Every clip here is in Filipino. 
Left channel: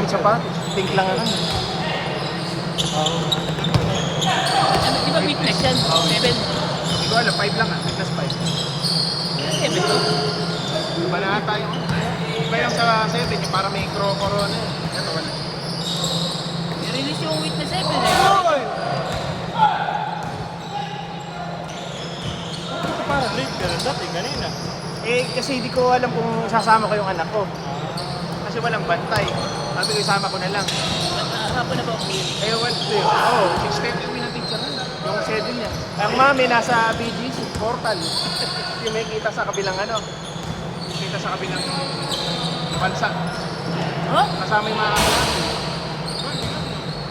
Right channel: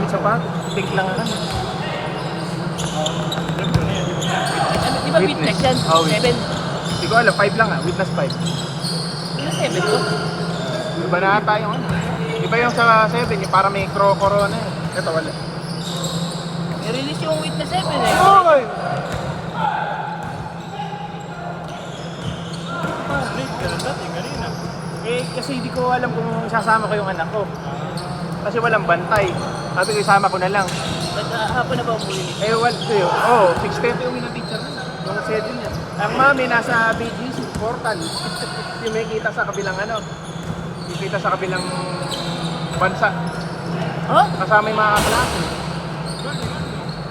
Isa pa? Think lang yun. Di ba witness yan? 7. Hindi ko alam, 5 lang ah. Witness 5. 7 to. Iba na tayo. Iba yung sa 7, yung para may corona. Ito wala. I-release yung witness 7 eh. Kasi hindi ko alam kung sasama ko yung anak ko. Kasi walang bantay. Sabi ko isama ko na lang. Ako na ba okay? Eh, what to yun? Oo, 6:30 uwi natin sa mga 7 niya. Ang mami nasa BGC, portal. Kumikita sa kabilang ano. Kumikita sa kabilang bansa. Huh? Kasama yung mga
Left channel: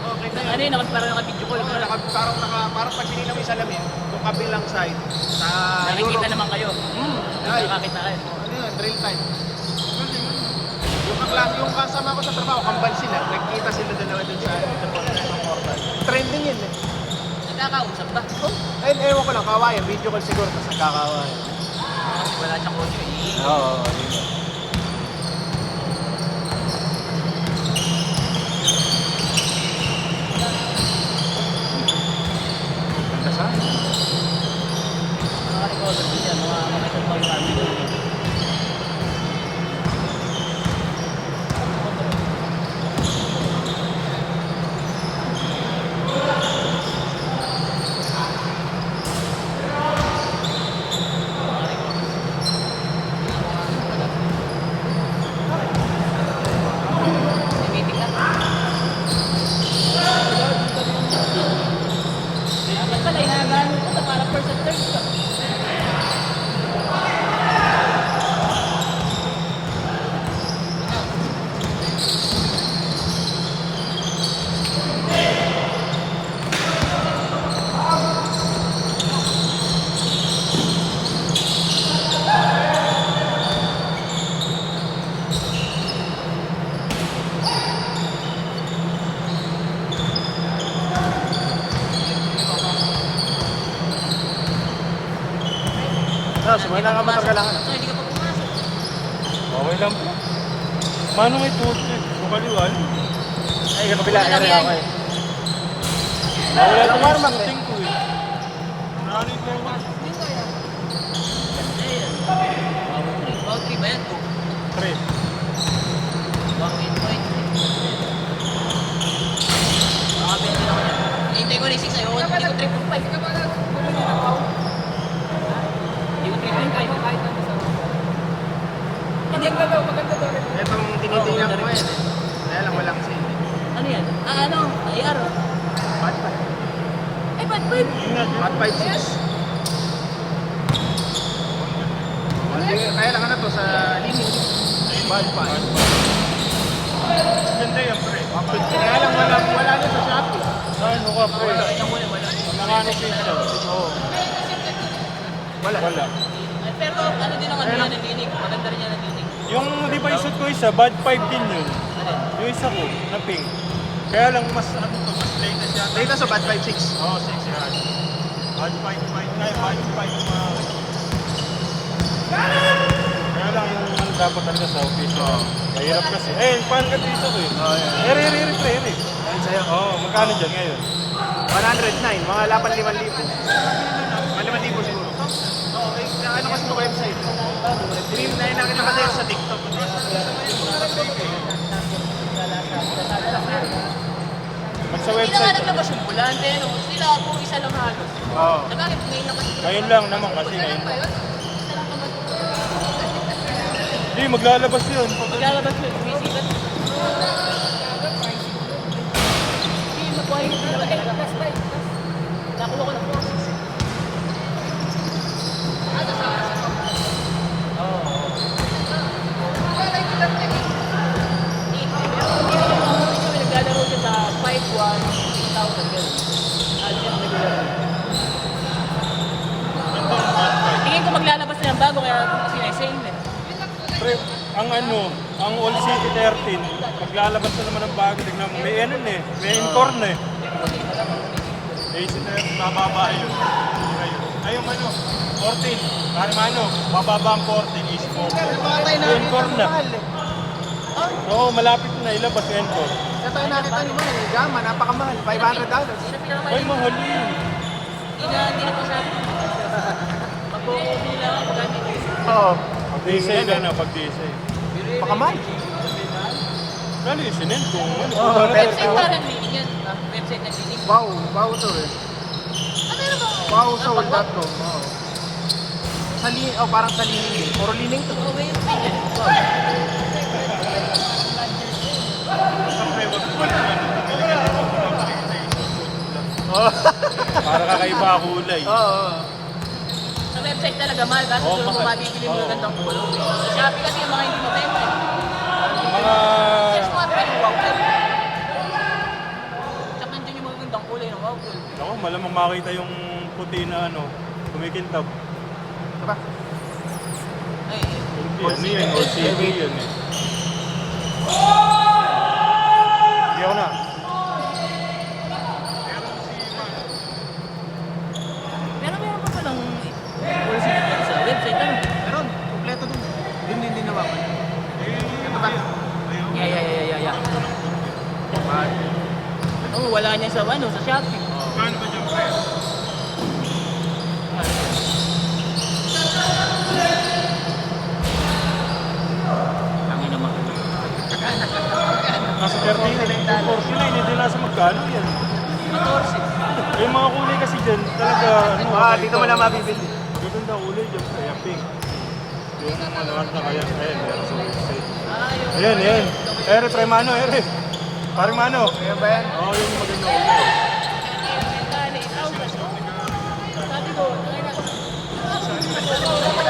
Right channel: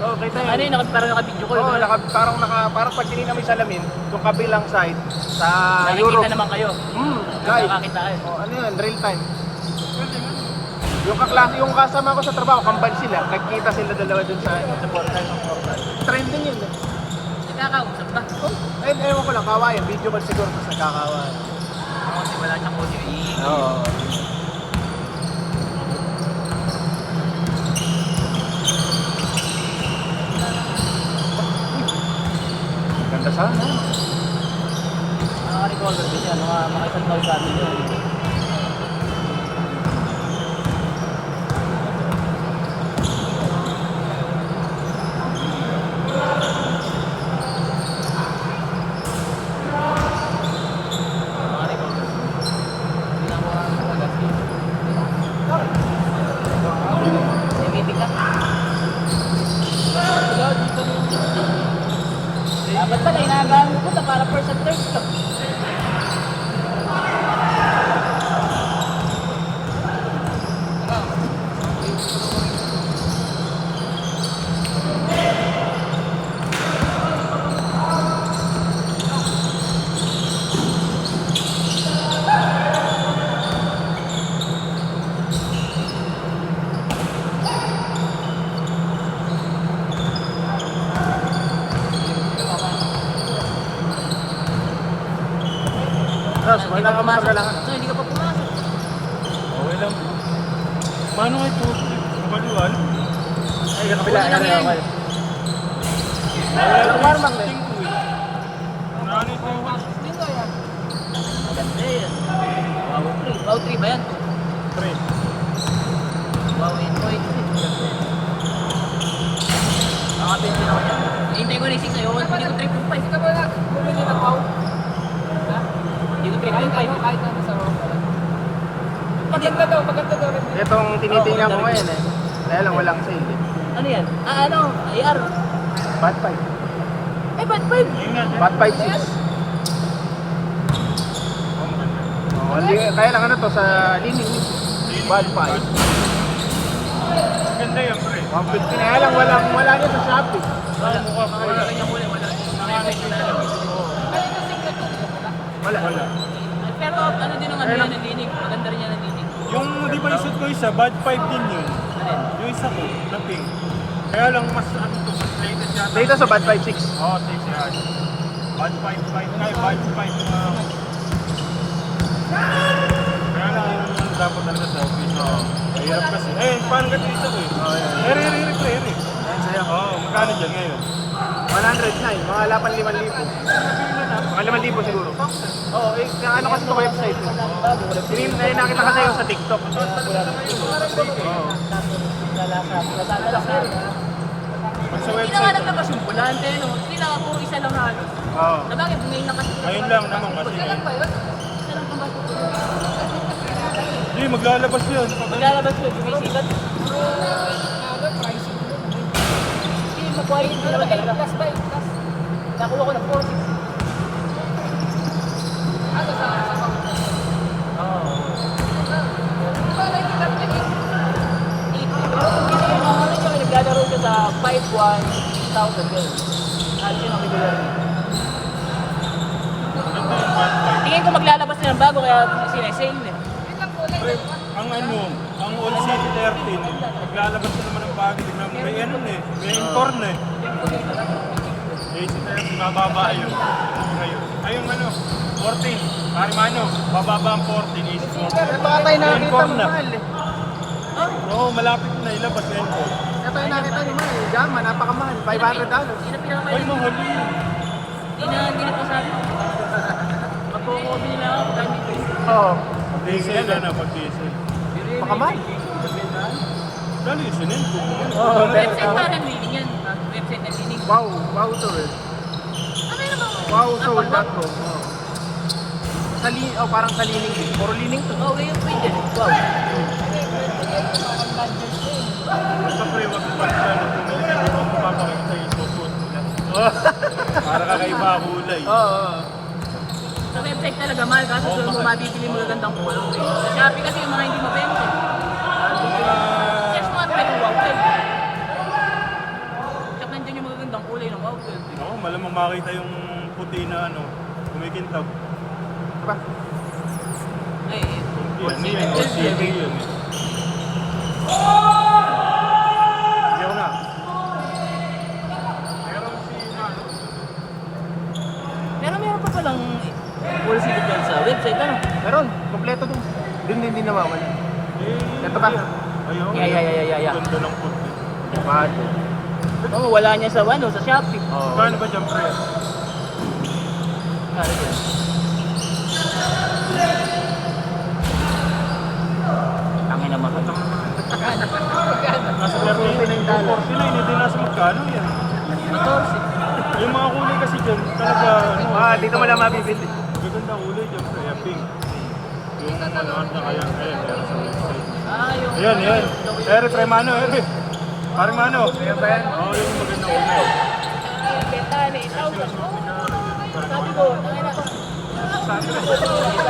Okay na. Ano yun? Parang nakabidyo ko. Oo, parang pag sinin kami sa lamin, yung kabilang side, sa Europe. Nakikita naman kayo. Live. Nakakita kayo. Ano yun, real time. Yung kaklase, yung kasama ko sa trabaho, kampal sila, nagkita sila dalawa dun sa trending yun eh. Nakakausap ba? Eh, ewan ko lang, kawain, video call siguro kasi kakawain. Kasi wala siya ko. Oo. Ganda sa? Nakaka-recover ko siya. Mga para person third. Hindi pa pumasok. No, hindi ka pa pumasok. Okay lang po. Mano may puto? Kumaliwan? Una lang yan. Wala ko yung something ko eh. Okay ba yan? Pre. Wow, 8.3. Nakabente na ako yan. Hintay ko na yung 6 sa'yo. Hindi ko 3.5. Hindi ka ba na? Yung 3.5 kahit ano sa hindi ba daw maganda daw? Ito ang tinitingnan ko ngayon eh. Kaya lang walang sale. Ano yan? Ano? IR? Bad 5. Ay, ba't 5? Bad 5, 6. Kaya lang ano to sa limit. Bad 5. Ganda yan pre. Kaya lang wala na sa Shopee. Ano ka pre? Nakakita ko eh, wala. Nakakita na lang. Wala. Ay, pero ano din ang ano yan, nadinig. Maganda rin yan nadinig. Yung di ba isip ko isa, bad 5 din yun. Yung isa ko, na pink. Kaya lang mas ano to, mas latest yata. Dito sa Bad 5, 6. Oo, 6 yan. Bad 5, 5, ay bad 5 Kaya lang yung dapat talaga sa official. Kaya kasi, paano ka dito ko eh? Eri. Magkano dyan ngayon? 109, mga 8,500. Mga 5,000 siguro. Oo, ano kasi sa website. Nakita ka tayo sa TikTok. Sa ngayon, nasa 3K. Sa Hindi na nga website. naglabas yung bulante, no? Sila, puro isa lang halos. Oo. Sabagay, may nakasi. Ngayon lang naman kasi. Isa lang ba yun? Isa lang ba? Hindi, maglalabas yun. Maglalabas yun, bumisilat. Hindi mo po ay nilagay ng gas pipe. Nakuha ko ng forces. Oo. Pero kung hindi mo kami naglalaro siya sa 5-1,000 girls. At yun ang naglalaro. Tingin ko maglalabas na ng bago kaya sinasale na. Pre, ang All City 13, maglalabas na naman ng bago. Tignan mo, may ano eh, may inform na eh. Bababa yun. Ayun 14, Karimano, bababa ang 14, easy 14. Patay na kita Inform mo na. mahal eh. Oo, malapit na ilabas ka ito. Gama, napakamahal. 500,000. Ay, mahal yun. Hindi na pasabi. Magkukodi lang ako gamit eh. Oo. Disay ka na pag disay. Kano yung sinend ko? Website parang yan. Website na sinig. Wow, wow to. Ano naman? Wow, so Pag-wap. Sa linig, o parang sa linig. Puro linig to. Oo, yung pwede. Sa pre-wap pa na ano, bumili ka dito, papakita sa yung bukod. Para kakaiba kulay. Sa website talaga mahal kaso doon mo mabibili mo gandang kulong. Sa Shopee kasi yung mga hindi mabenta. Yes, mga talagang wowter. Tsaka nandiyan yung magagandang kulay ng wowter. Oo, malamang makita yung puti na ano, kumikintab. Ay, Ano yan? LCD yun. Hindi ako na. Meron si Mano. meron pa palang policy dyan sa website. Ano? Meron, kompleto dun. Dun din nawawala. Ito ba? Ayaw. Yeah. Ganda ng puti. Oh, wala niya sa ano, sa Shopee. Paano ba dyan, pre? Ang ina naman. $49. Sila hindi din nasa magkano yan. 14. Yung mga kulay kasi dyan, talaga. Di naman na mabibili. Hindi ganda ang kulay dyan. Kaya pink. Ah, yung... Yan. Ere, pre, Mano, ere. Pare, Mano. Yan ba yan?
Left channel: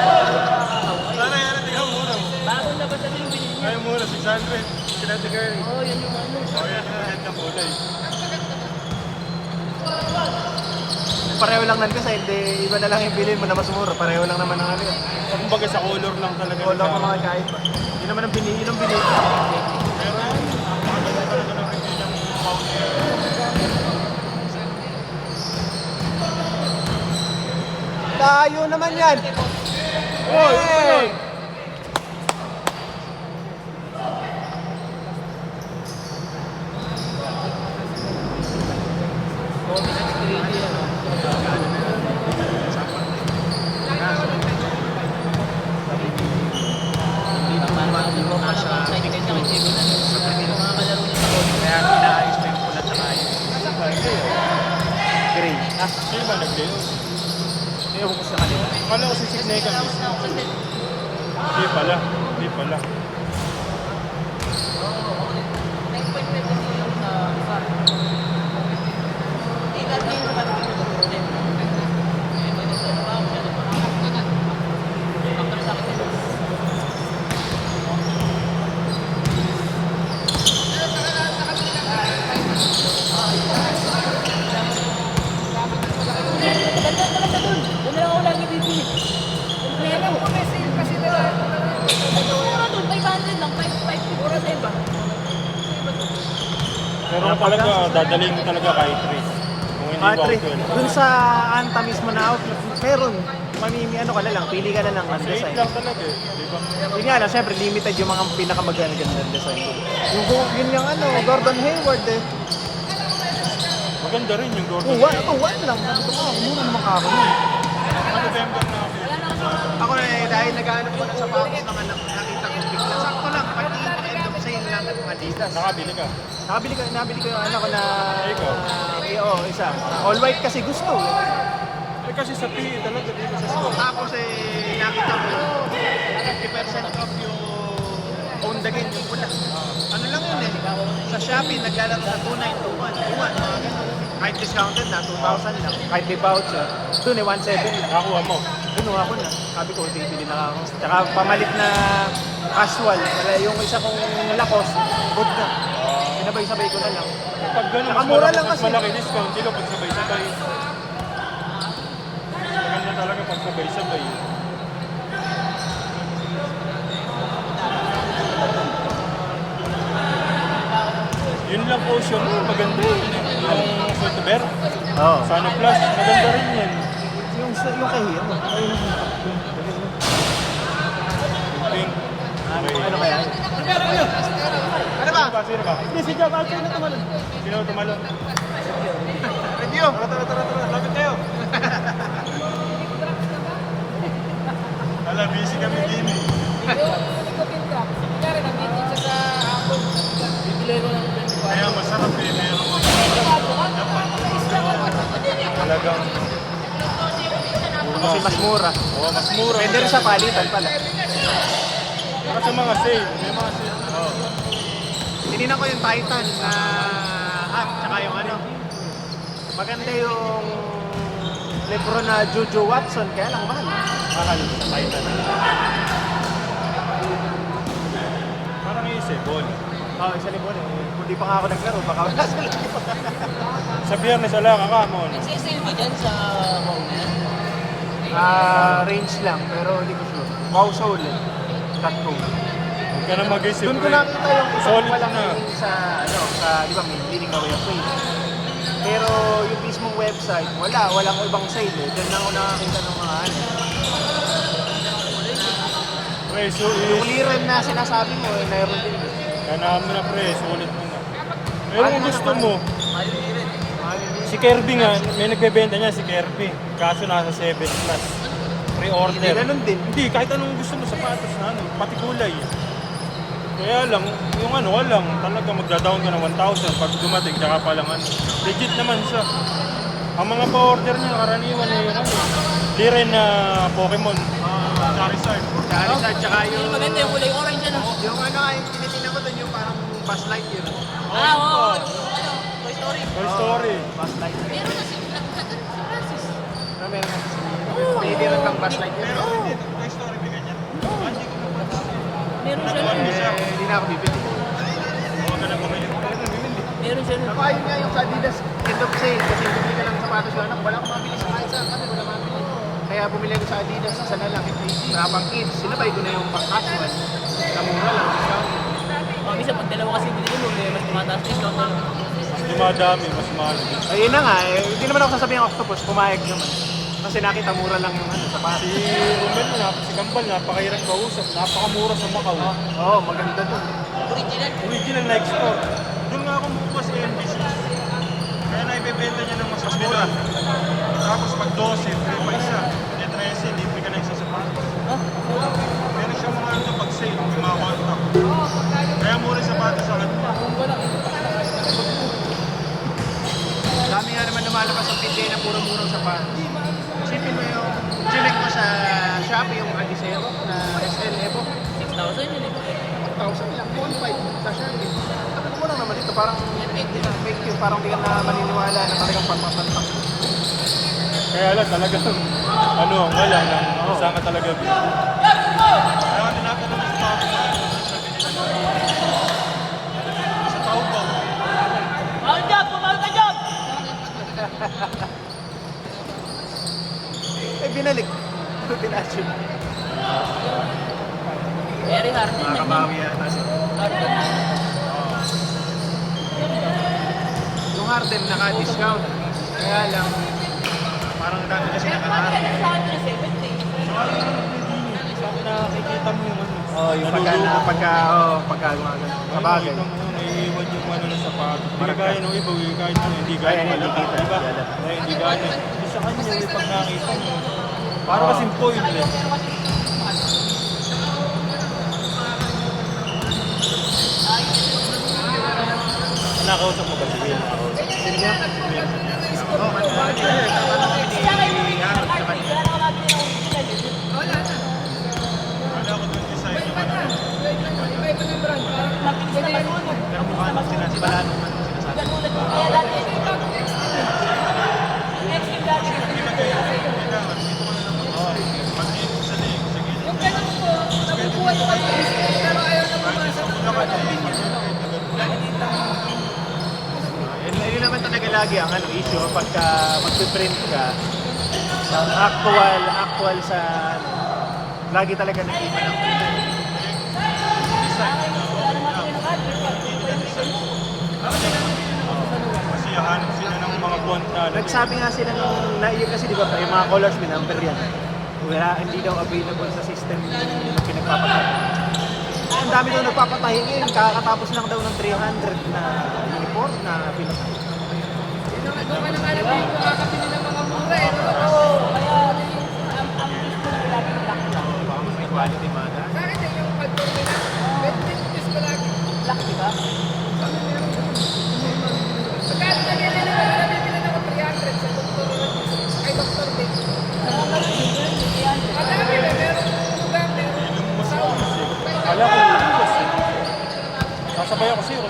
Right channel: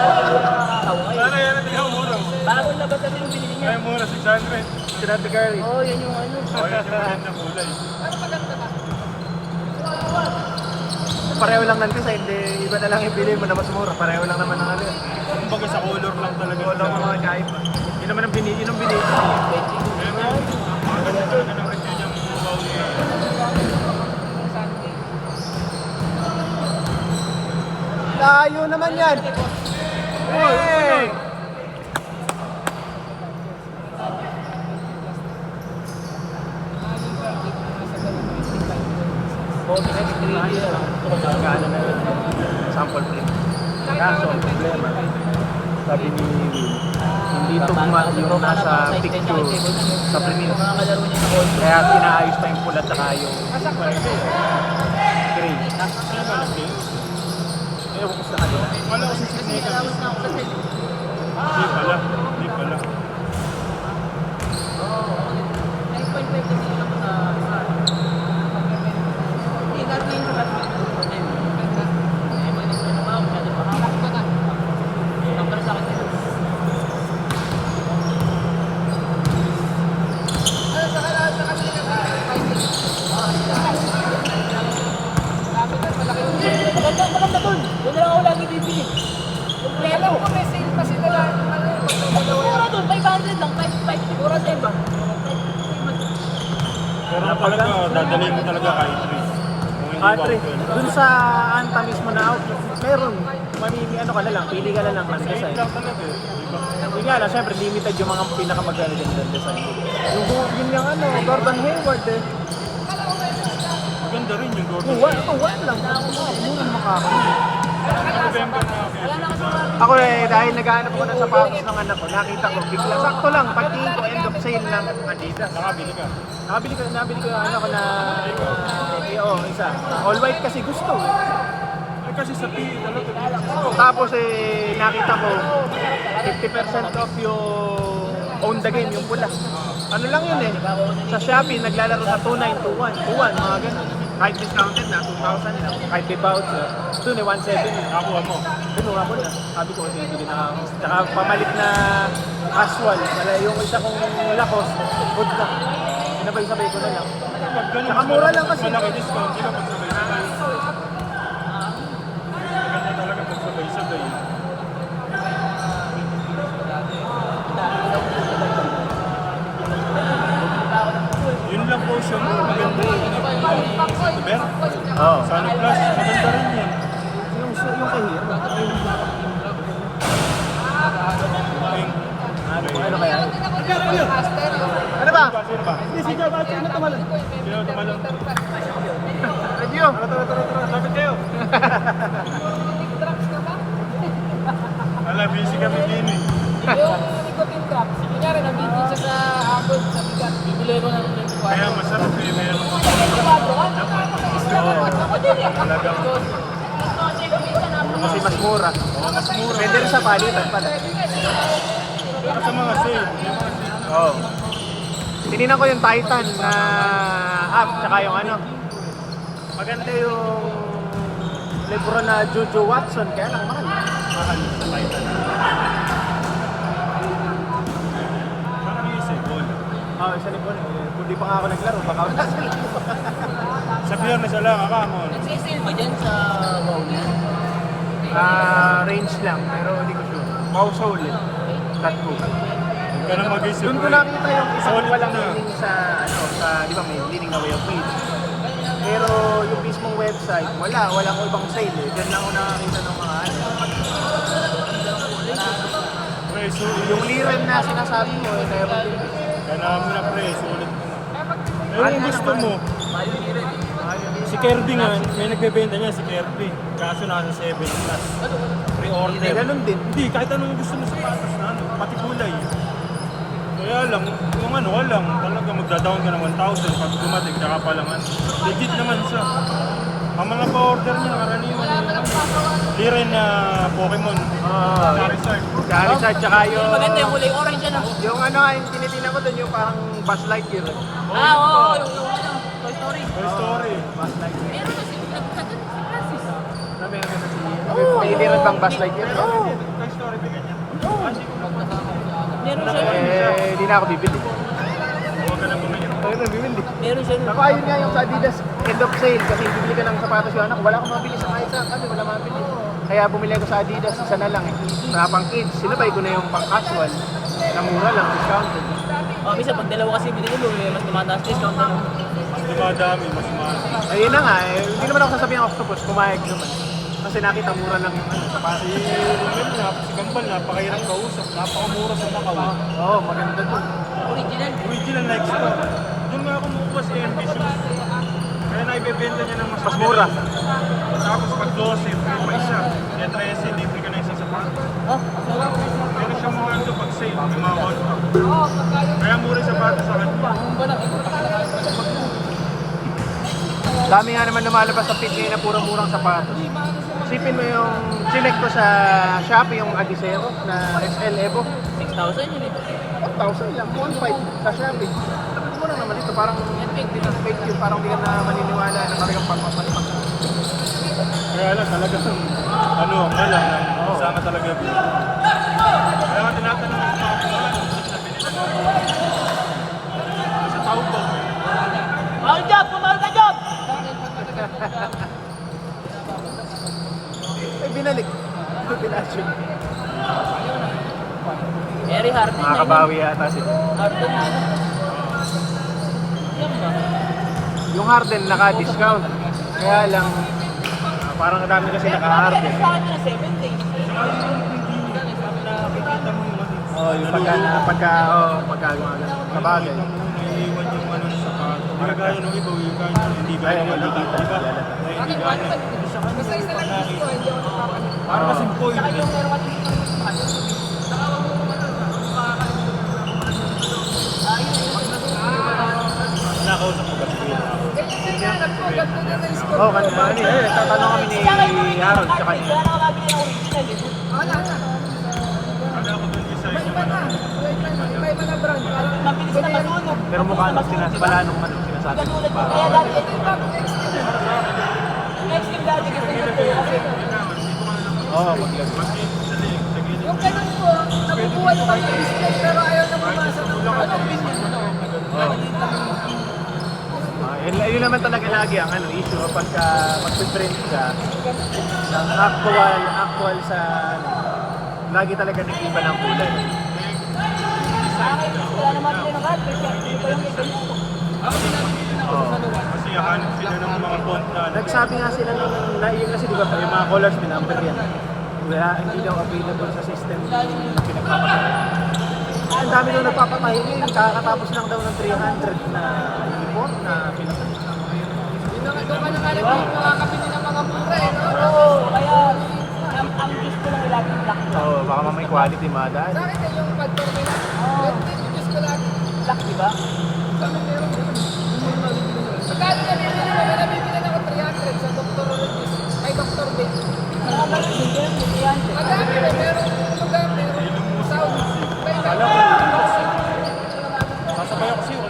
Sana yan, tingnan mo muna. Bago na ba yung binili niya? Ay, muna, 600. Sinabigay. Oh, yan yung ano. O, yan yung mahal na kulay. Pareho lang lang kasi, hindi iba na lang yung bilhin mo na mas mura. Pareho lang naman ang ano. Kumbaga sa color lang talaga. Wala ang mga guys. Hindi naman ang binili ng binili. Tayo naman yan. Oy, oy! Sample. Kaso, problema. Sabi ni dito mo nasa picture sa premiere. Kaya pinaayos na yung pula at saka yung green. Wala kasi si Snake. Salamat na ako kasi... Hindi pala. Hindi pala. Oo, 9.5 kasi yung sa... Hindi natin yung sa katigil. Eh, pwede ko na ba? Masyado makakakita. Ito pala sa akin yun. Doon na ako lagi bibili. Mura doon, 500 lang, 5 siguro, diba? Pero talaga, dadalhin mo talaga kahit 3. Kung hindi ba Patrick, okay. dun sa kanta mismo na meron, mamimi ano ka na lang, pili ka na lang. Ano, Kahit lang talaga eh. Di ba? Yun nga, no, siyempre limited yung mga pinakamaganda nila design. Yung Gordon yung ano, Gordon Hayward eh. Maganda rin yung Gordon. What to what lang. November na ako. Ako eh, dahil naghahanap ko ng sapatos ng anak ko, nakita ko, bigla, sakto lang, pag-end of sale ng Adidas. Nakabili ka. Nabili ko yung anak ko na, oo, isa. All white kasi gusto. Ay kasi sa PE talaga. Tapos eh, nakita ko, 50% off yung own the game, yung pula. Ano lang yun eh, sa Shopee, naglalaro sa 2,921, mga ganyan. Kahit discounted na, 2,000, kahit di voucher, doon eh, 1,700. Nakuha mo. Kumuha ko. Sabi ko, bibili na ako. Saka pangalik na casual, kaya yung isa kong lakos, good na. Ano ba yung sabi ko? Pag ganun, Ang mura lang kasi. malaki discount, sila pag sabay-sabay. Ganyan talaga pag sabay-sabay. Yun lang po siya, maganda rin yung Silver. Sana Plus, maganda rin yan. Pink. Okay. ba? Sino ba? Hindi, si Job Alfred na tumalon. Sino ang tumalo? Review. Bakit kayo? Alam, busy kami team eh. Kaya masarap eh, meron kami. Talagang Kasi mas mura. mas mura. Pwede rin sa palitan. Kasi mga sale. Oo. Tinignan ko yung Titan na app, tsaka yung ano. Maganda yung Lebron na Juju Watson ka. Titan. Parang isip, ball. Isa lang ko. Hindi pa nga ako naglaro. Baka Sa biyernes wala ka ano? Sisil ba dyan sa wow na yan? range lang, pero hindi ko sure. Wow Soul. Flat mo. Ganun mag-isip Doon ko ko eh. lang yung Solid walang na eh. meaning sa ibang meaning mo yung page. Pero yung mismong website, walang ibang site. Doon lang ako nakakita ng mga Okay, so clearan na sinasabi mo, meron din. kaya namin na pre, sulit mo na. Pero kung gusto mo, Mayo Liren. si Kirby nga, may nagbebenta niya si Kirby. Kaso nasa 7 plus. Pre-order. Ganun din. Hindi, kahit anong gusto mo sa prices na, pati kulay. Kaya lang, yung ano, walang, talaga magda-down ka ng 1,000 pag dumating, tsaka pa lang ano. Legit naman siya. Ang mga pa-order niya, karaniwan yung Liren na Pokemon. Charizard. Charizard, tsaka yung... Maganda yung kulay orange ano? Yung ano, yung tinitingnan ko doon yung parang past light yun. Ah, oo, yung ano, Toy Story. Toy Story. Meron na si Francis. May meron pang past light. Pero hindi, Toy Story may ganyan. Hindi ko napansin. Meron Natuwan siya. din siya. Hindi na ako bibili. Huwag ka na bumili. Huwag kang bumili. Meron siya. Ako ayun nga yung sa Adidas end of sale kasi bibili ka ng sapatos yun. Wala akong mabili sa kahit saan. Ano, wala akong mabili. Kaya bumili ako sa Adidas, isa na lang. Rapang kids. Sinabay ko na yung pang casual. Namura lang. Mami, sa pag dalawa kasi binili mo, mas tumataas din. Hindi nga dami, mas mahal. Ayun na nga, hindi naman ako sabihin octopus, kumain ko. Kasi nakita mura lang. Si Lamel nga, si Gambal, napakahirap kausap. Napakamura sa mga kawan. Oo, maganda doon. Original. Original na extra. Doon nga ako makuha sa LBC. Kaya naibebenta niya ng mas mura. Tapos pag 12, free pa isa. E 13, libre ka na isa sa sapatos. Oh, Pero siya mga ito pag sale, may mga one pack. Kaya mura yung sapatos sa akin. Dami nga naman lumalabas sa PJ na puro murang sapatos. Isipin mo yung chinek ko sa Shopee yung Adiseo na SL Evo. 6,000 yun eh. 1,000 lang. 1,500 sa Shopee. Sabi ko mura naman ito. Parang parang hindi na maniniwala na yung pagpapalito. Kaya lang talaga ano, wala. Ano, saan ka talaga. Kaya ka tinatanong yung tao ko. Sabi nila na sa tao ko. Mahal dyan! Mahal ka dyan! Binalik. Binasyon. Very hard din. Makakabawi yata siya. Harden na. Yung Harden naka-discount. Kaya lang, parang dami na sila naka-Harden. Oo, yung lulu pagka... Kahit nung naiiwan yung ano, hindi ka gaya nung iba, hindi gaya ng dito, di ba? Hindi gaya. Basta isa lang gusto. Parang kasing point. Saka yung meron kasi dito mahal. Nako. Oo, kasi bakit yun? Tanong ni Aaron sa kanya. Kala ko doon yung side naman. Pero mukha nung sila si Balano man yung sinasabi. Hindi ka kayo, kailangan, dito ka na lang Oo, mag-iip sa leg, sa gilid. Yung ganun po, nakukuha yung pag-display pero ayaw na Kahit pumasok. sa Bulacan, Yun naman talaga lagi ang issue pagka nag-print ka. Actual sa... Lagi talaga nag-iba ng kulay. design na okay na. Hindi design. Kasi hahanap sila ng mga bond na Nagsabi nga sila ng naiyo kasi di ba yung mga colors binabad yan. Kaya hindi daw available sa system. Ang dami na nagpapatay. Kakatapos lang daw ng 3 Doon ka na kaya makakabili ng mga mura eh. Oo, baka mamay quality mada. Sa akin eh, yung factor nila. 20 pesos ko lagi. Pagkat nabili na ako, nabibili na ako 300 sa Dr. Ay, Dr. Bay. Madami na, meron lugar, meron sa Masakaya kasi yung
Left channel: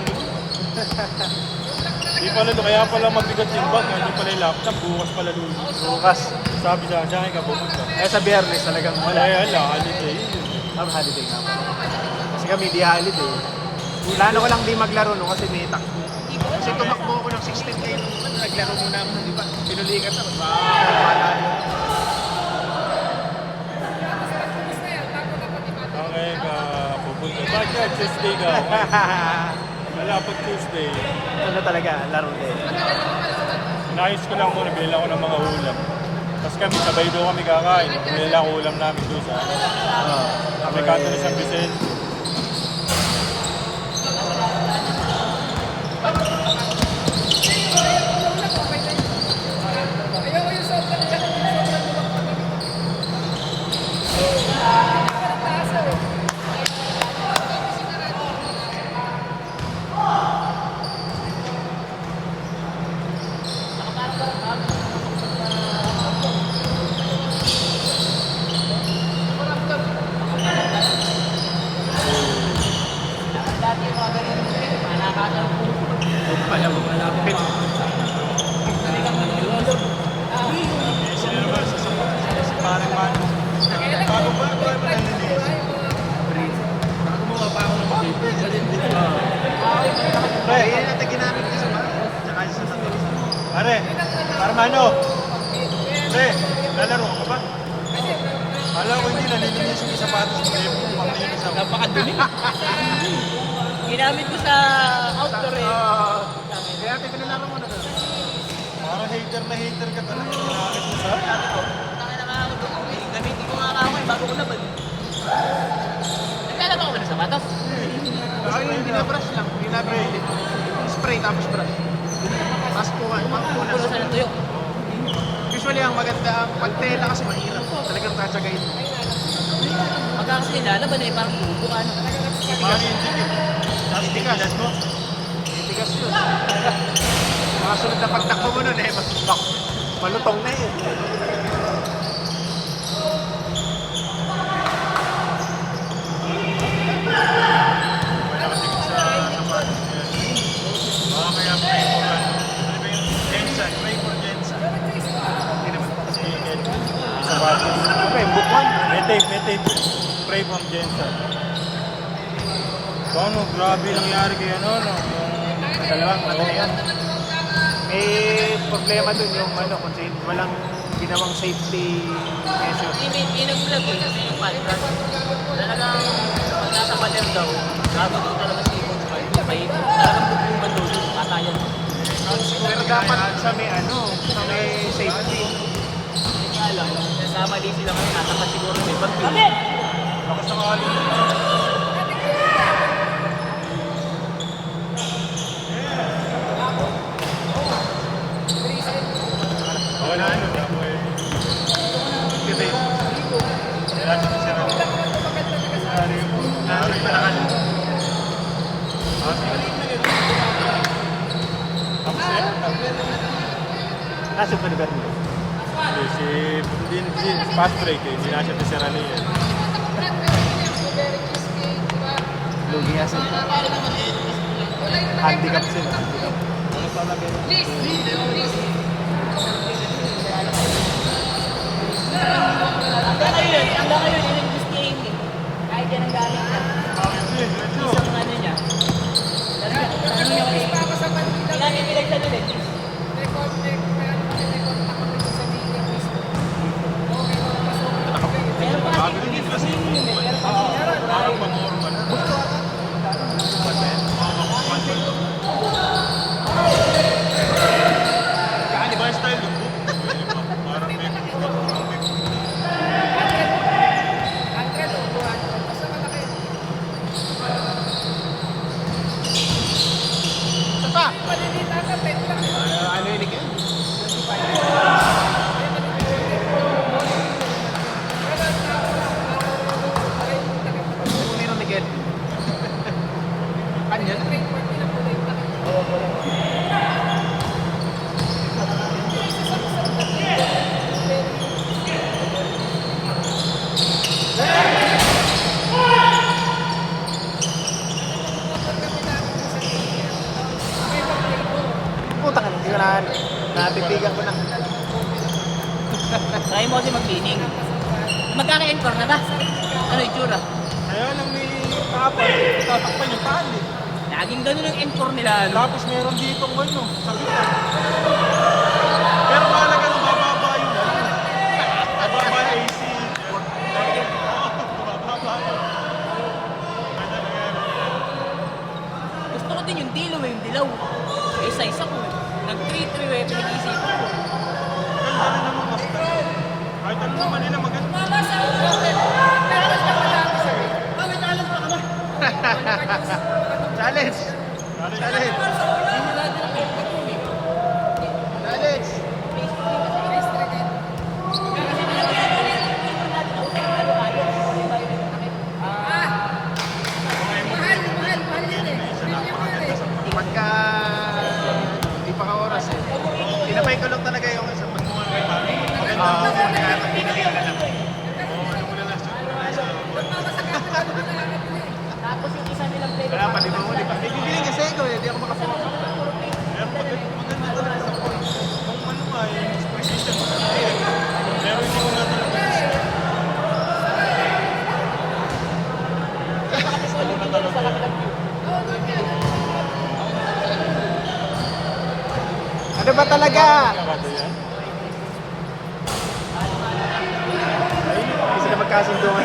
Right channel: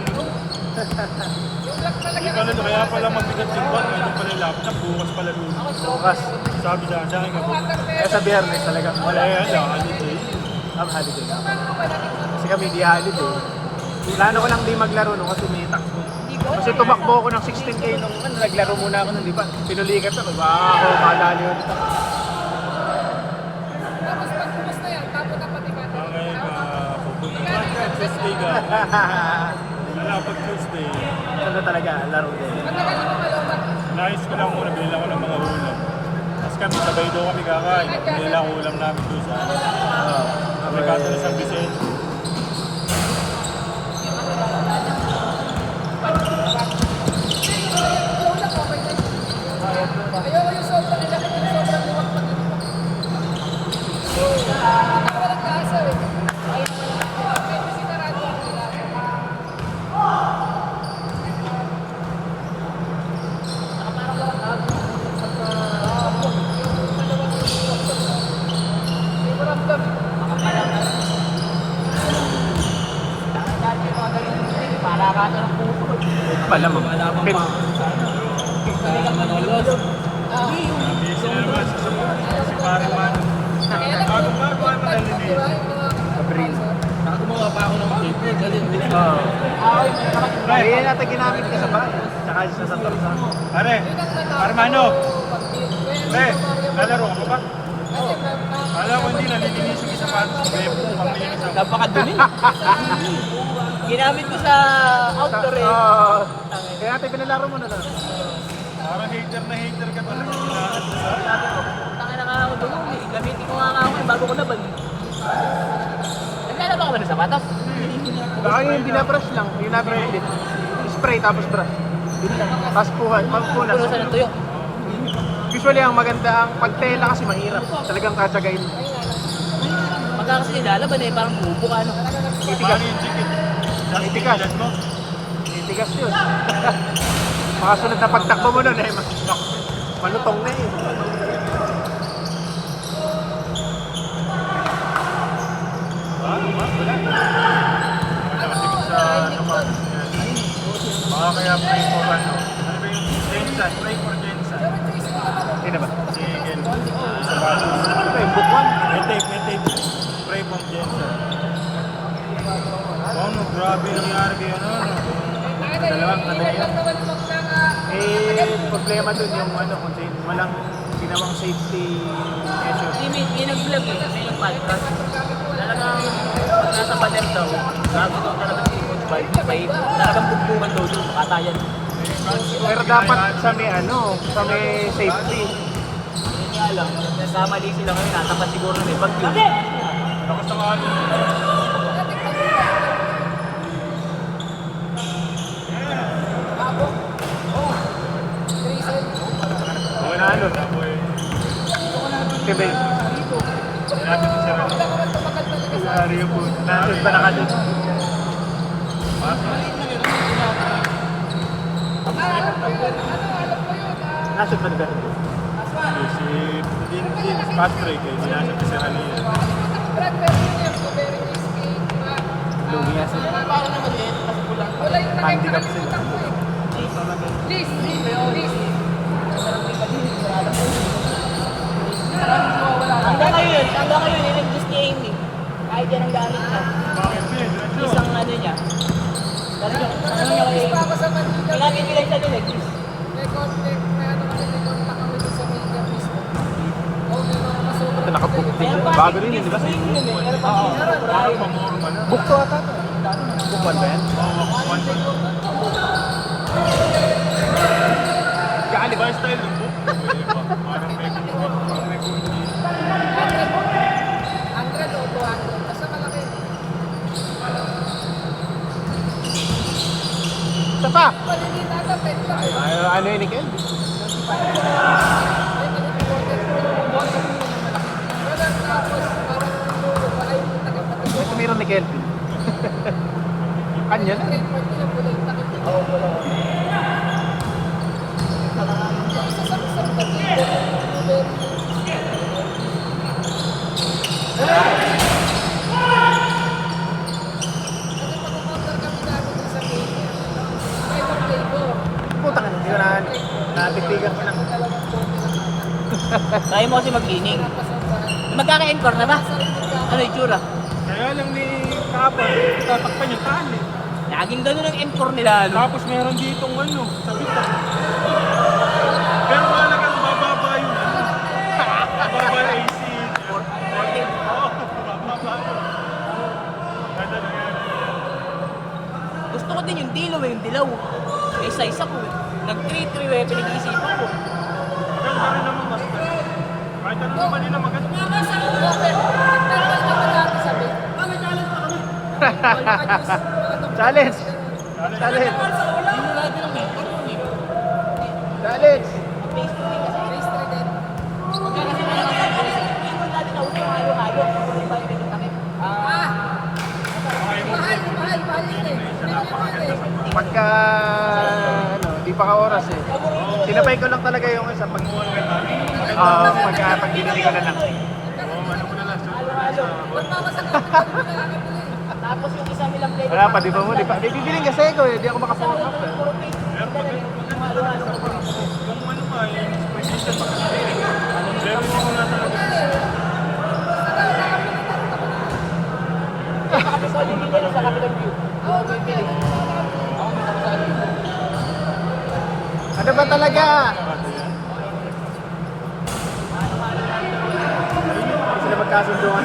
hindi pala to, kaya pala mabigat yung bag. Hindi pala yung laptop, bukas pala doon. Bukas, sabi sa akin ka po. Kaya sa Biyernes talaga. Kaya lang, holiday. Ang holiday. Kasi kami di holiday. Plano ko lang di maglaro no, kasi may takbo. Kasi tumakbo ako ng 16K nung naglaro muna ako, di ba? Pinulikat ako. Manalo. tapos pagpunas na yan, tapos na pati-pati. Ang ngayon pupunta ka, Tuesday ka. Malapit Tuesday. Ano talaga, laro ko. Matagal naman pala ako. Nais ko na muna, bilhin ako ng mga ulam. Tapos kami, sabay doon kami kakain. Bilhin ako ulam namin doon. Kami kato na San Vicente. Lola ko, okay na yun. Ayoko yung sopa nila kasi sobrang luwag. Walang lasa eh. Pala mo. Pit. Pre, yan natin ginamit ka sa bahay. Tsaka sa sandal sa ano. Pare, Armando. Pre, lalaro ka ba? Alam ko hindi, nalilinisin ko sa patos. Napakadumi. Ginamit ko sa outdoor eh. Kaya natin pinilaro mo na talaga. Parang hater na hater ka talaga. Sabi ko, tangin na nga ako dumumi. Gamitin ko nga ako eh, bago ko laban. Naglalaba ka ba ng sapatos? Baka yung binabrush lang. Binabrush din. Spray tapos brush. Tapos puhay. Pagpunas. Puno sa ng tuyo. Usually ang maganda, ang pagtela kasi mahirap. Talagang katsagayin. Ikaw kasi nilalaban eh, parang bubukan. Titigas. Titigas yun. Makasunod na pagtakbo mo nun eh, malutong na yun. Nakatikit sa sapatos niya. Baka kaya pray for ano. Ano ba yung Jensen? Pray for Jensen. May tape. Pray for Jensen. Ano, grabe yung nangyari kayo noon. May problema dun yung ano, walang ginawang safety measure. May nag-vlog eh, may nag-podcast. Talagang pag nasa baler daw, grabe daw talaga si Ipon 5. May talagang bugtungan daw yung makatayan. Pero dapat sa may ano, sa may safety. Hindi nga alam, nasamali sila kung nakaka siguro may pag-vlog. Lakas ng alin. Manalo na ako eh. Kaya Hindi natin si Sir Ali. Naroon pa na kanil. nasa talaga. Si Patrick eh. Hindi natin si Sir Ali. Lugias. Hanggang ngayon, yun yung gusto niya Amy. Kahit yan ang gamit niya. Isang ano niya. Hindi namin pinagsa nila eh. Bago rin yun, di ba sa inyo? Parang pamuro pa na. Kaya di ba yung style ng book? Parang may Maliliit ata, 10 lang eh. Ano yun, Nikel? Hindi rin, Nikel. Kanya na. Puta ka, hindi ko na nabigyan ko lang. Kaya mo kasi mag-ining. Magkaka-encore na ba? Ano yung tsura? Kaya lang ni Papa, tatakpan yung tali. Laging ganun ang encore nila. Ano? Tapos meron ditong ano, sakitan. Pero mahalaga ng bababa yun. Bababa na AC. Oo, bababa yun. Ganda na yan. Gusto ko din yung dilo yung dilaw. Isa-isa ko. Nag-3-3 pinag-iisipan ko. Ganda rin naman basta. Kahit ano naman nila maganda. Mama sa open. Tagal na wala ako sabi. Challenge! Challenge! Challenge! Face trigger. Ah! Mahal yun eh. Pagka di pa ka oras eh. Tinapay ko lang talaga yung isang pagmuha kay Mami. Maganda ako magkakatabi na rin lang. Ano mo na lang, saan mo na lang sa... Tapos yung isa nilang play. Wala pa, di ba mo? Di pa. Bibili kasi ito eh. Di ako makapala. Pero maganda talaga sa pa. Kung ano pa, yung spray system maganda yan. Pero hindi ko na talaga gusto. Ano ba talaga? Kasi magkasundo na.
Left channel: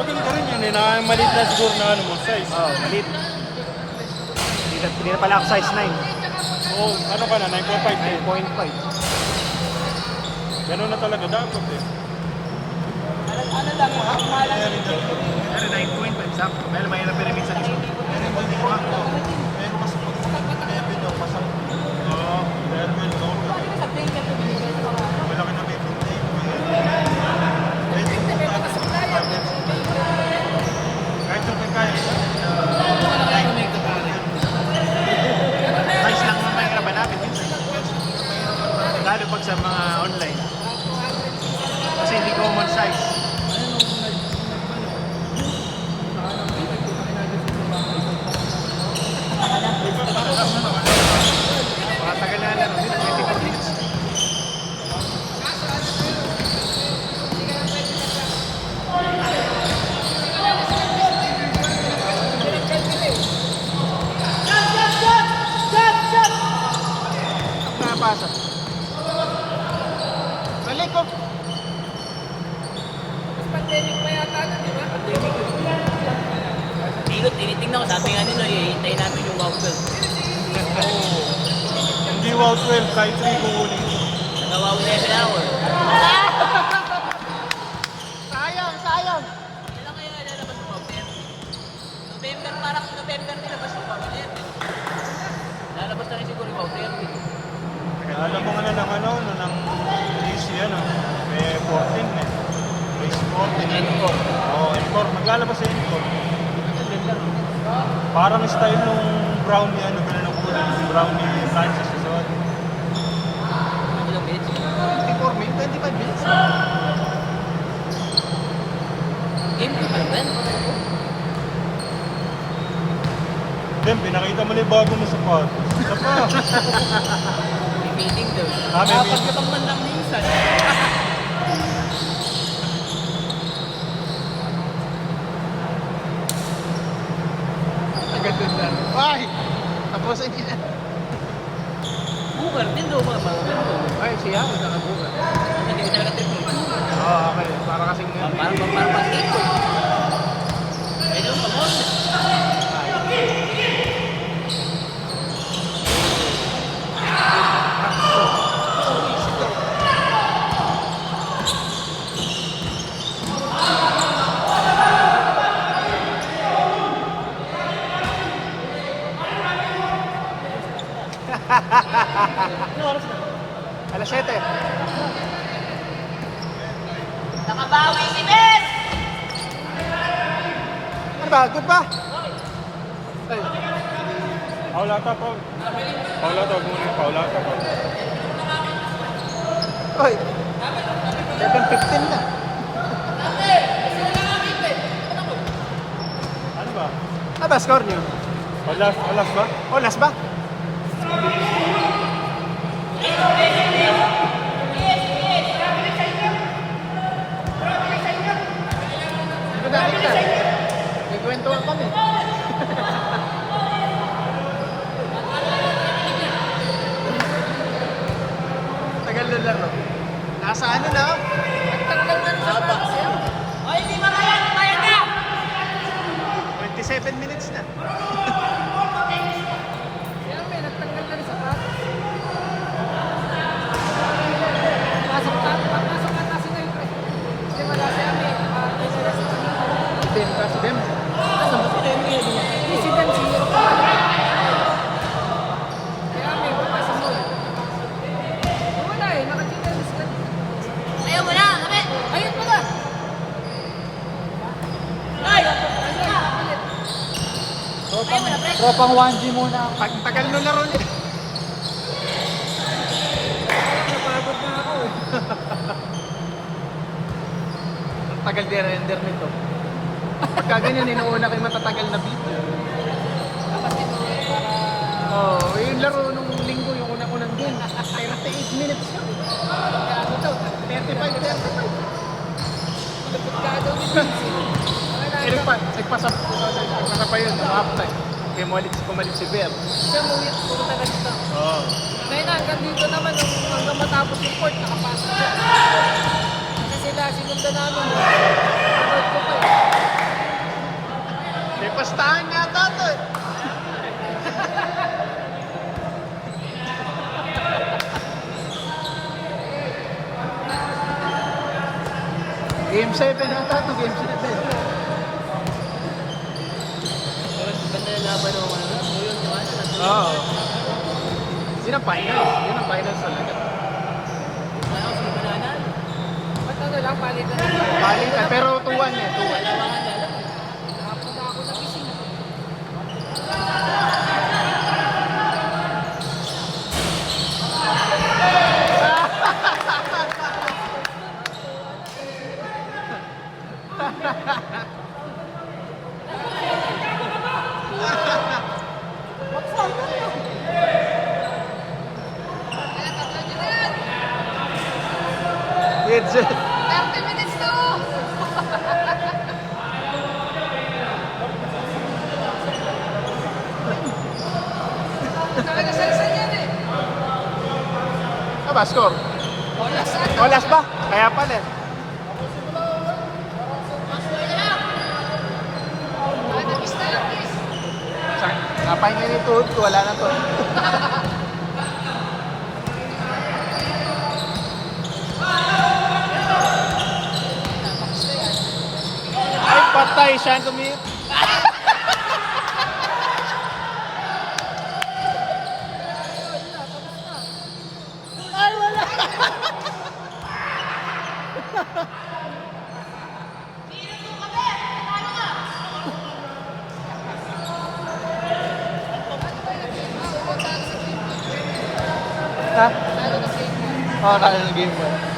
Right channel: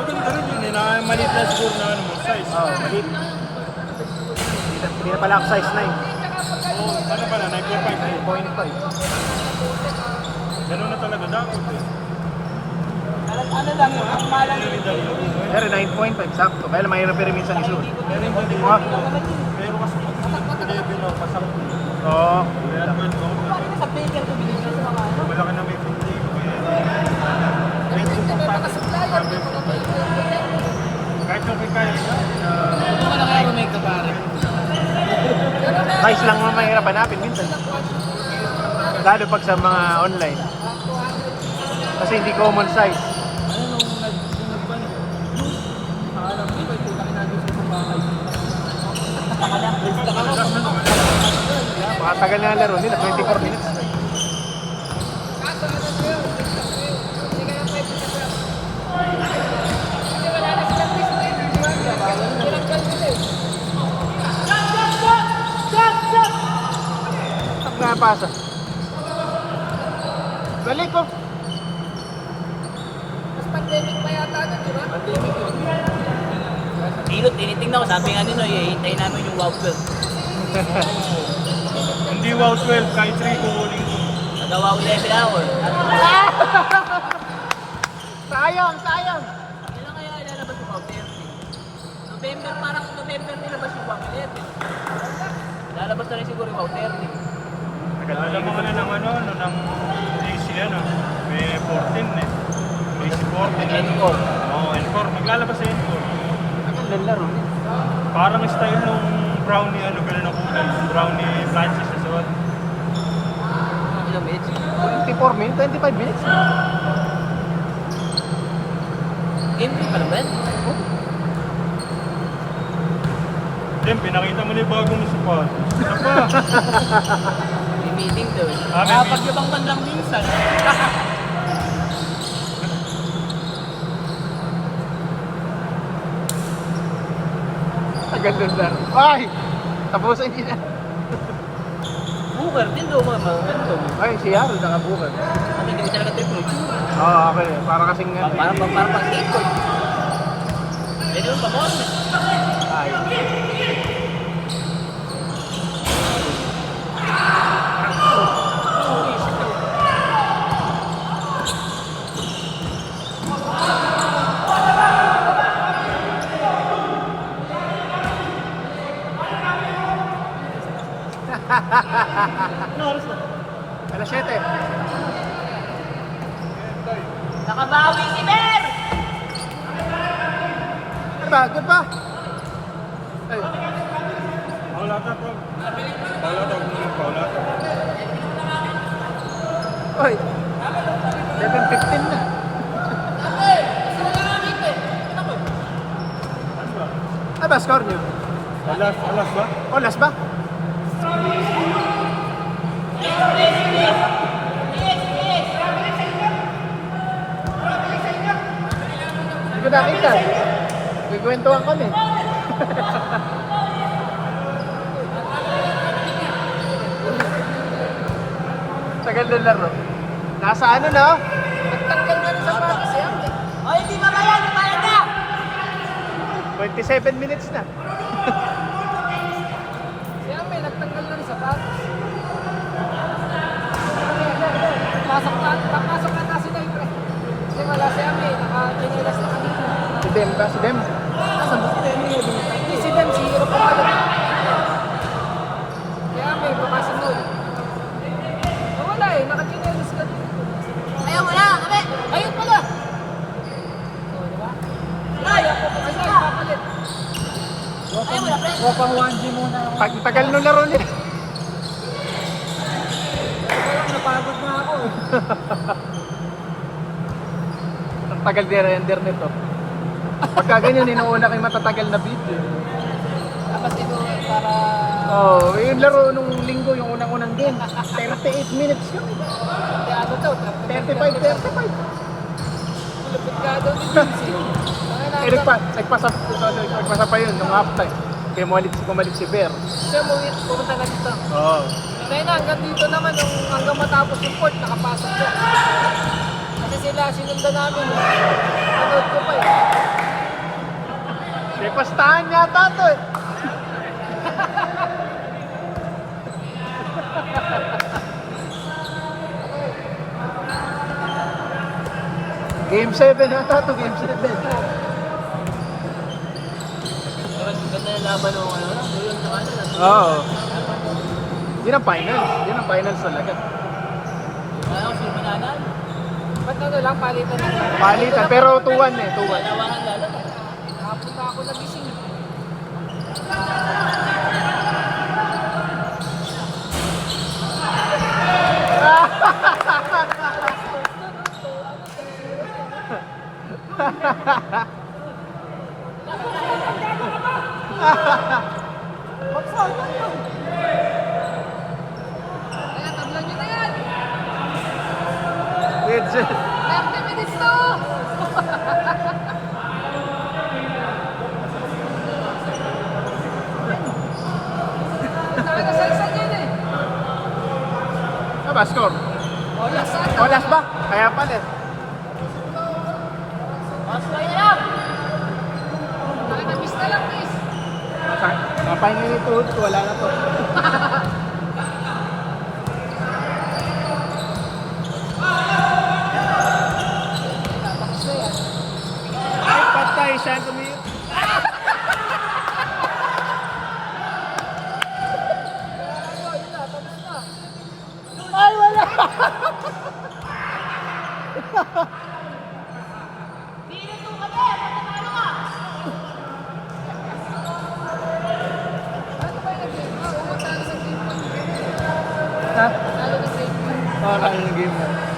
Maganda rin yun eh, na maliit na siguro na ano, size. Hindi na pala ako size 9. Oo, ano ka na, 9.5 din. Ganun na talaga dapat eh. Pero 9.5 sakto. Dahil mahirap rin minsan isuot. Kasi yung budiwa ko, pero mas pinayag din ako, pasang. Oo, kaya well known. Malaki na may pinti. Pwede yung target. Kahit na may kaya siya. Size lang naman mahirap hanapin minsan. Lalo pag sa mga online. Kasi hindi common size. Matagal na laro nila, 24 minutes. Napasok. Dali po. Pandemic pa yata na, di ba? Dilot, tinitingnan ko. Sabi nga nito, ihintay namin yung wow 12. Hindi wow 12, kahit 3 kung ulit. Nawaw na yung ako. Sayang, sayang. Kailan kaya ilalabas yung wow 13? November, parang November nilabas yung wow 11. Lalabas na rin siguro yung wow 13. Alam mo na ng ano, ng release yan ah. May 14 eh. May 14. Encore. Oo, Encore. Maglalabas sa Encore. Parang style nung brownie, ano ganun ako na ng brownie Francis as well. 24 minutes, 25 minutes. Empty pa naman. Then, pinakita mo na yung bagong sapatos. Ito pa. May meeting daw. Pag-ibang man lang minsan. Ang ganda. Ay! Tapusin niya. Bunker din daw man. Ay, siya, may nakabuhat. Hindi kami nakatip. Oo, okay. Para kasing nga. Ito na. Alas 7. Nakabawi si Ber! Bakit ba? Paulata po. Paulata, gumaling Paulata po. Oy. 7:15 na. Ano ba? Ano ba score niyo? Alas ba? Oh, last ba? May kwento ako eh. Tagal na laro. Nasa ano na? O, hindi mabayad! Bayad na! 27 minutes na. Kaya may nagtanggal din sa pot. Pasok na kasi na yung pre. Kasi wala si Ami. May sila sa kanya. Si Dem ka? Si Dem? Nasaan ba si Dem? Si Ben, si Hiro pa. Kaya may bukas sa moon. Wala eh, nakakita na sila. Ayaw mo na! Kami! Ayun mo na! Ay! Ano ka? Ayaw mo na, pre! Tropang 1G muna ako. Ang tagal nung laro niya. Parang napagod na ako. Ang tagal din render nito. Pagka ganyan, inuuna kayo matatagal na beat. Oh, yung laro nung linggo, yung unang-unang game, 38 minutes yun. Ano daw? 35. Nagpasa pa yun, half time. Kaya kumalit si Bear. Kaya pumunta na dito. Oo. Ngayon hanggang dito naman, hanggang matapos yung court, nakapasok ko. Kasi sila, sinundan namin. Abot ko pa eh. May pastahan yata to eh. Game 7 yata to, game 7. Oo. Yun ang finals. Yun ang finals talaga. Ba't ano lang, palitan na. Palitan, pero 2-1 eh, 2-1. Nakapunta ako sa gising. Mag-fall ka niyo. Kaya tablan niyo na yan. It's 30 minutes na oh. Taka na salsan yan eh. ano ba, score? Olas sa Walas ba? Kaya pa din. Taka na miss na lang, miss. Napay na yung tuhod ko, wala na to. Tapos na yan. Ay, patay siya ang kumiyot. Ay, wala! Ano ba yung game? Huwag talo sa game 1. Ha? Talo na game 1. Oo, kaya ng game 1.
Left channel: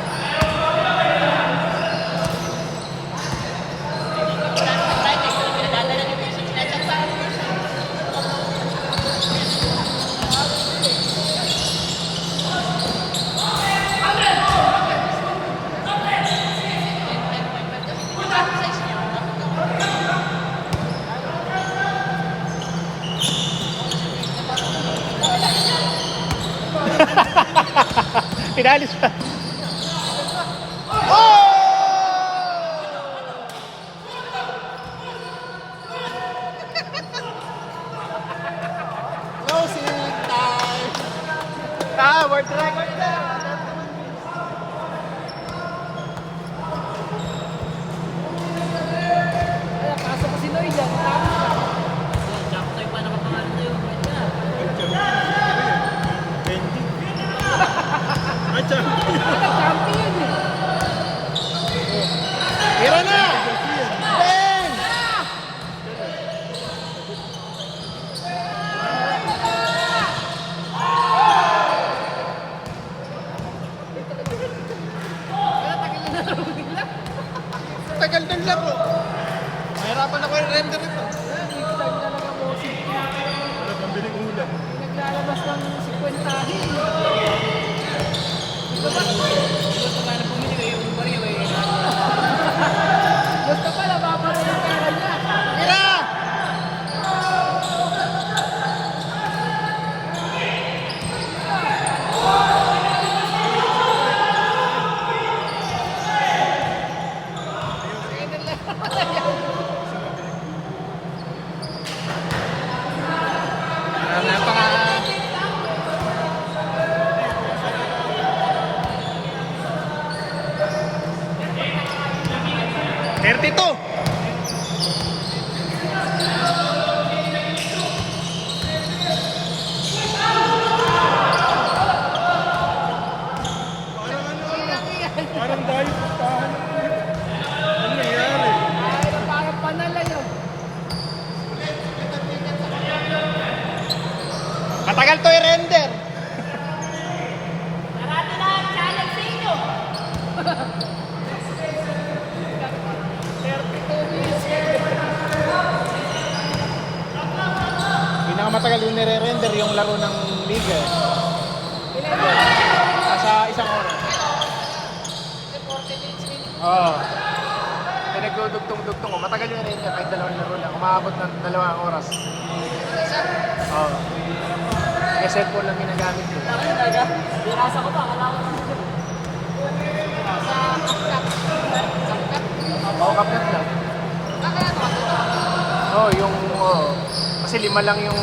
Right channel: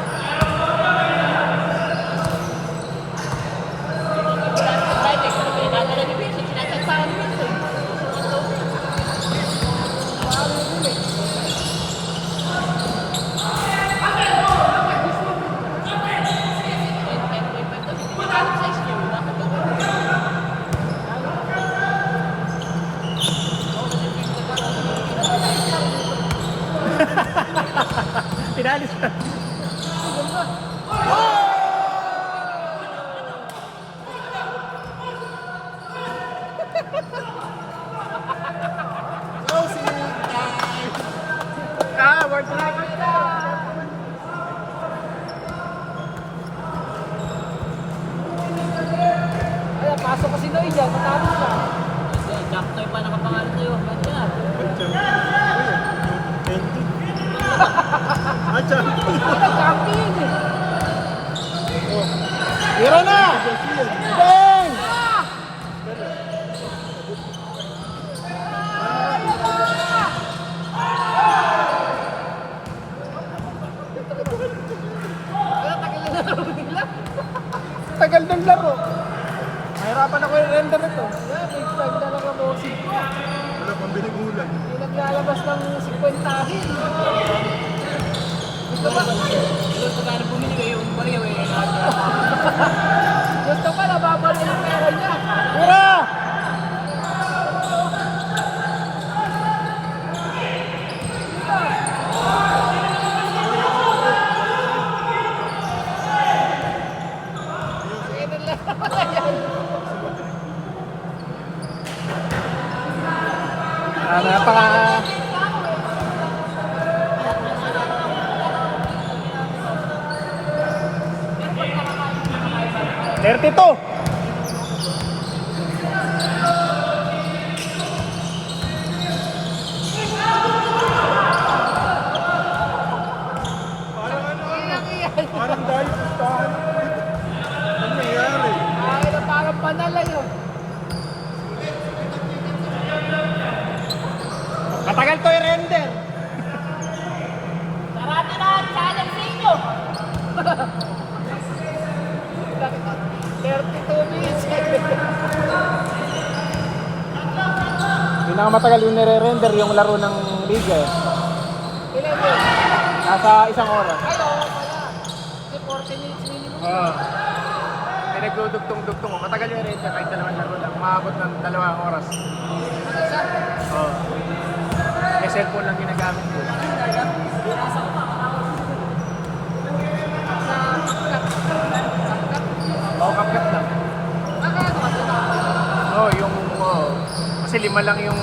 Pinalis pa. Closing time. Work na. Kaya pasok kasi Noy dyan. Talo siya. Benji. At champion. Champion eh. Tira na! Ben! Tagal ng laro. Mahirapan ako yung render nito. Wala pang binig ulam. Naglalabas ng 50. Gusto pa, nababalik ang pera niya. Tira! Mamaya pa nga. Thirty-two. Parang dahil pustahan. Ano nangyayari? Parang panala yun. Matagal to i-render. Sarado na ang challenge sa inyo. 32 minutes. Pinakamatagal yung nire-render yung laro ng Liga. Ilan yun? Nasa isang oras. Kasi 40 minutes minimum. Oo. Pinagdudugtong-dugtong ko. Matagal yung render kahit dalawang laro na maabot ng 2 oras. Ang isa. Oo. May cellphone lang ginagamit ko. Sa kapkat. Kapkat. Oo, kapit lang. Ano ka? Oo, yung... Kasi 5 lang yung